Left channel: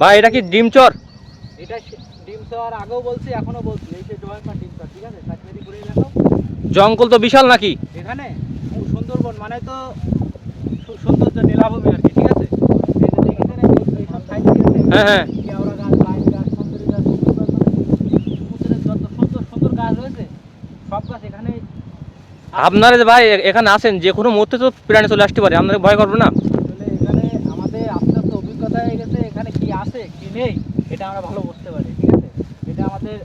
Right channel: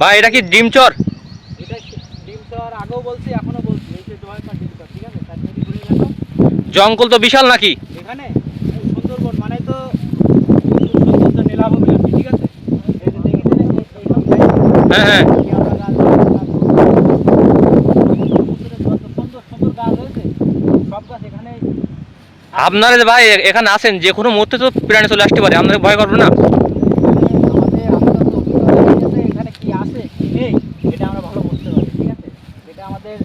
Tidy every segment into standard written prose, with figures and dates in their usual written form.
ভাই এটা কি ডিমচর? এটা ডিমচর আগেও বলছি এখনো বলছি, এই যে জয়পাট ডিমচর, ঠিক আছে? জঙ্গল তো বিশাল নাকি এখানে? সুন্দরবন মানে তো খুব সৌন্দর্য নীলাভূমি আর কি, ঠিক আছে? এই যে দেখেছেন এইসব জায়গা, হ্যাঁ হ্যাঁ কেওড়া গাছ, সমুদ্রের যত সুন্দর সুন্দর গাছ হয়েছে সব গাছ এখানে। আপনারা যে ভাই এখানে আছেন, যে কোনো মুহূর্তে তো প্রাণী চলে আসতে পারে, আপনাদের ভয় করবে না? এখানে আমাদের আস্তে আস্তে অভিজ্ঞতা হয়ে গেছে, এখানে কি আছে কি নেই এটা আমরা ভালো বুঝতে পারি, ঠিক আছে? এটা আমাদের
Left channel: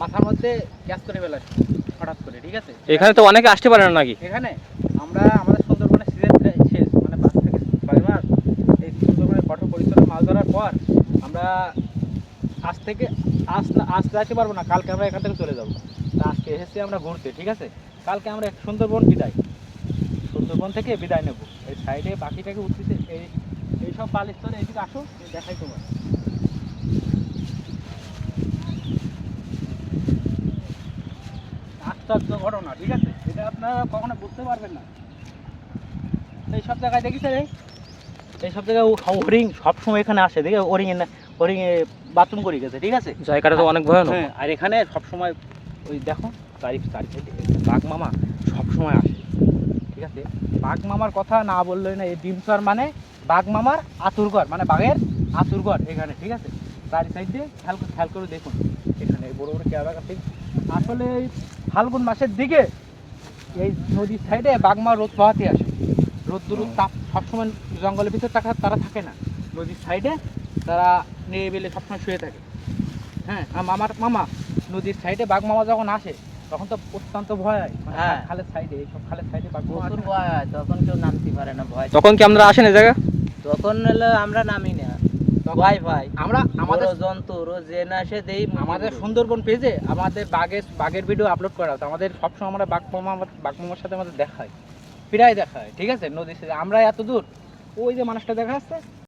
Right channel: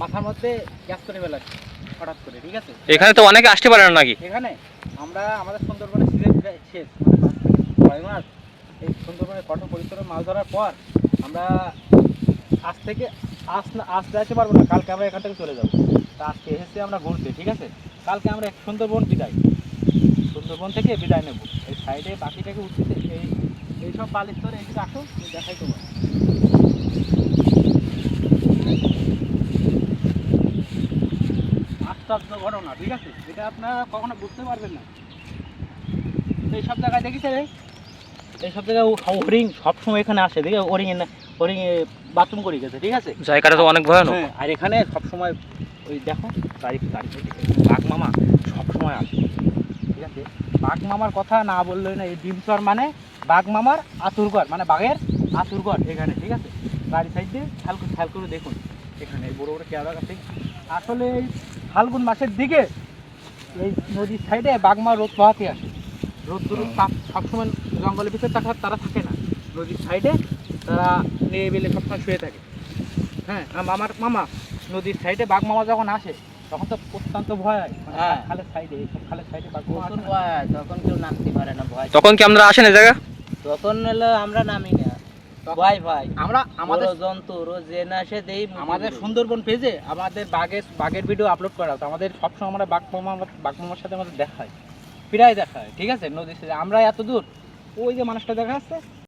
মাথার মধ্যে গ্যাস করে ফেলাচ্ছে হঠাৎ করে, ঠিক আছে? এখানে তো অনেকে আসতে পারে না নাকি? এখানে আমরা আমাদের সুন্দরবনে সিজন শেষ, মানে 5 থেকে 6 মাস এই সুন্দরবনে কঠোর পরিশ্রমে মাছ ধরার পর আমরা আজ থেকে আজ তো আসতে পারবো না, কালকে আমরা এখান থেকে চলে যাবো। তা আজকে এসেছি আমরা ঘুরতে, ঠিক আছে? কালকে আমরা সুন্দরবন বিদায়, সুন্দরবন থেকে বিদায় নেব। এই সাইডে পাখিটাকে উঠতেছে, এইসব বালির স্তরে এইদিকে আসো, আমি দেখাই তোমার। আশ্চর্য ঘটনা, ঠিক আছে? এটা আপনারা কখনো বুঝতে পারবেন না। এইসব জায়গায় দেখেছেন, এইসব জায়গায় হরিণ সবসময় এখানে আসে, দেখে হরিণ বাথরুম করে গেছে, ঠিক আছে? জায়গাটা তো অনেক ভয়ানক। হ্যাঁ, আর এখানে সবসময় ওই দেখো চারিদিকে বাঘ মামা সবসময় আসে, ঠিক আছে? বাঘ মামার কথা না বললেই না, এই ডিমচর মানে বাঘ মামার আতুরঘর, মানে বাঘের আতুরঘর এখানে, ঠিক আছে? বাড়ি সাইড দিয়ে খেয়াল করে দেখুন, এখানে বড় বড় কেওড়া গাছ। আসলে এই ফাল্গুন মাসের দিকে এই নদীর সাইডে বাঘ মা রোদ পোহাতে আসে। রোদ্দুর তাপ সবসময় জঙ্গলের ভিতরে তারা থাকে না, নদীর সাইডে তারা নিয়ে বেলে সবসময় শুয়ে থাকে। হ্যাঁ, আমার মামা নদীর সাইডে বাঘ মামা যখন আসে তখন তো অত্যন্ত ভয় হয়, মানে হ্যাঁ। খালের সাইডে, এইসব খালের সাইডে বাঘ মামা আসে প্রচুর না। ভয় হয়, তখন কেউ নামতে পারে না, ভয়। তখন কি আপনারা আসেন এই জায়গা? তখন হলো আমরা নামি না, তখন ভয় ভয়। আমরা আমাদের জন্তু রোজ যে না সে দেই আমাদের সুন্দরবন পেজে আমাদের বাঘের ভিডিও আপলোড করা হতো। আমাদের সবসময় আমরা বাঘ মামার সাথে আমাদের দেখা হয়, প্রায় দেখা হয়, ঠিক আছে? নদীর সাথে আমরা এত দূর, ওই যে মানুষটা দেখা যাচ্ছে